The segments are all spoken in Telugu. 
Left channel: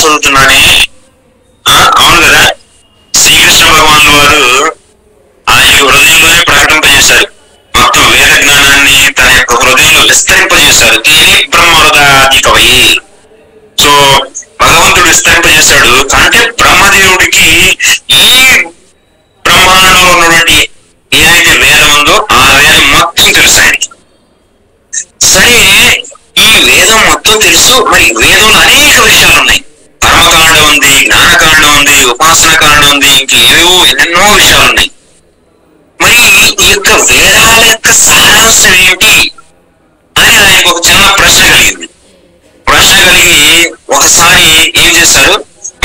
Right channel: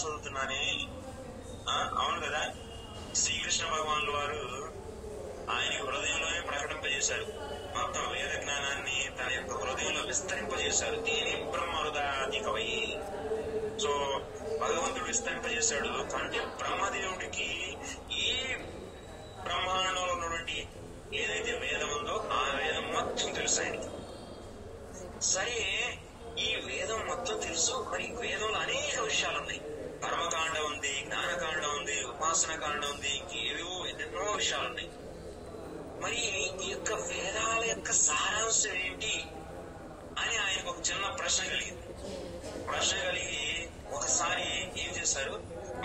చదువుతున్నానే. అవును కదా, శ్రీకృష్ణ భగవాన్ వారు ఆయన హృదయంలోనే ప్రకటింపజేశారు. మొత్తం వేద జ్ఞానాన్ని తన యొక్క హృదయంలో విస్తరింపజేశారు. దేని బ్రహ్మహృదాది కవయి. సో భగవంతుడు విస్తరింపజేశాడు. అంటే బ్రహ్మదేవుడికి ఈ బ్రహ్మాండంలో ఉన్నటువంటి ఏదైతే వేదం ఉందో ఆ వేదం మొత్తం తెలుసు ఆయనకి. సరే, ఈ వేదం మొత్తం తెలుసు. మరి వేదంలో అనేక విషయాలు ఉన్నాయి. కర్మకాండ ఉంది, జ్ఞానకాండ ఉంది, ఉపాసన కాండ ఉంది, ఇంకేవో ఎన్నెన్నో విషయాలు ఉన్నాయి. మరి ఈ యొక్క వేదాల యొక్క సారాంశం ఏంటి అని ఆయనకు ఒక చిన్న ప్రశ్న కలిగింది. ప్రశ్న కలిగి ఒకసారి ఏం చేశారు,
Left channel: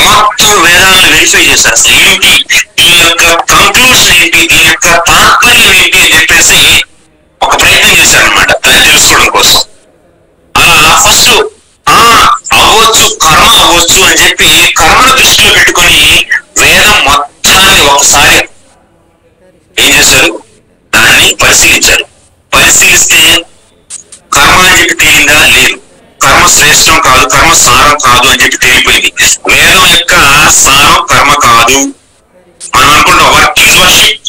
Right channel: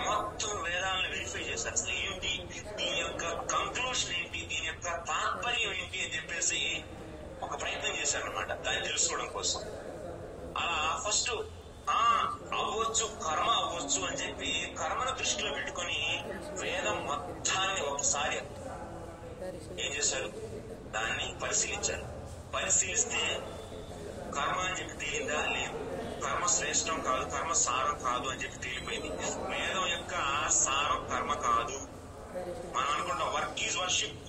మొత్తం వేదాలను వెరిఫై చేశారు. అసలు ఏంటి దీని యొక్క కంక్లూషన్ ఏంటి, దీని యొక్క తాత్పర్యం ఏంటి అని చెప్పేసి ఒక ప్రయత్నం చేశారనమాట దాన్ని తెలుసుకోవడం కోసం. అలా ఫస్ట్ అవ్వచ్చు, కర్మ అవ్వచ్చు అని చెప్పి కర్మను దృష్టిలో పెట్టుకొని వేదం మొత్తాన్ని ఒకసారి ఏం చేశారు, దాన్ని పరిశీలించారు. పరిశీలిస్తే కర్మ అని చెప్పి తేలిందా? లేదు. కర్మ శ్రేష్టం కాదు, కర్మ సారం కాదు అని చెప్పి తేలిపోయింది. వేదం యొక్క సారం కర్మ కాదు. మనం అనుకుంటాం వర్క్ ఈజ్ వర్షిప్,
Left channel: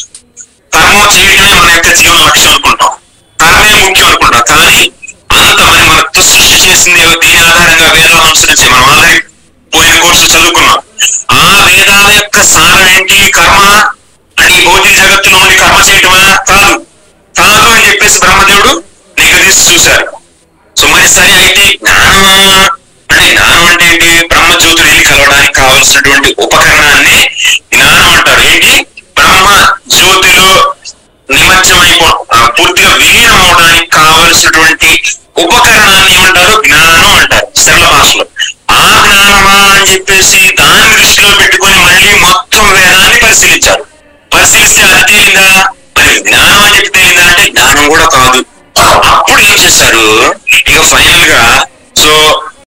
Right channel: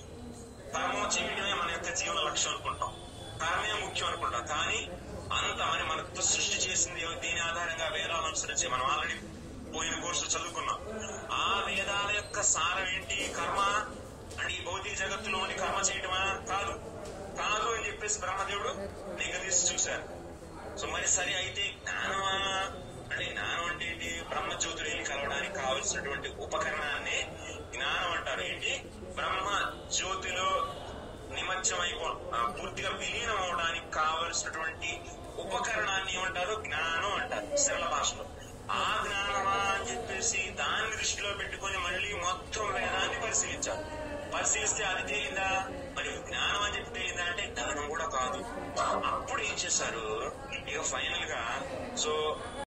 కర్మ చేయడమే మన యొక్క జీవన లక్ష్యం అనుకుంటాం, కర్మే ముఖ్యం అనుకుంటాం. కానీ అంత మనతో సృష్టి చేసింది దీని ఆధారంగా వేదాలను అనుసరించి మనం ఆల్రెడీ పోయిన కోర్సు చదువుకున్నాం. ఆ వేదాల యొక్క సారం ఏంటి? కర్మ అంటే ఈ భౌతిక జగత్తులో ఉండి కర్మ చేయటమా? కాదు. కాదు అని చెప్పేసి బ్రహ్మదేవుడు నిగదీసి చూశారు. సో మరి సరే, అయితే జ్ఞానం అంటే ఏంటి? బ్రహ్మజ్యోతులు వెళ్ళి కలవడానికి కావలసినటువంటి ఉపకరణాన్ని జ్ఞానం అంటారు. ఏంటి? బ్రహ్మ జ్యోతిలో పూర్తిగా విలీనం అవడానికి కావలసినటువంటి ఉపకరణాన్ని ఏమంటారు? జ్ఞానం అంటారు సరళ భాషలో. ఆ జ్ఞానమా అని చెప్పేసి దాన్ని దృష్టిలో పెట్టుకొని మళ్ళీ మొత్తం వేదాన్ని పరిశీలించారు. పరిశీలిస్తే అది తేలిందా? మరి జ్ఞానం అని చెప్పి తేలిందా అంటే జ్ఞానం కూడా కాదు. అప్పుడు ఏం చేశారు, ఇక ఫైనల్ గా సో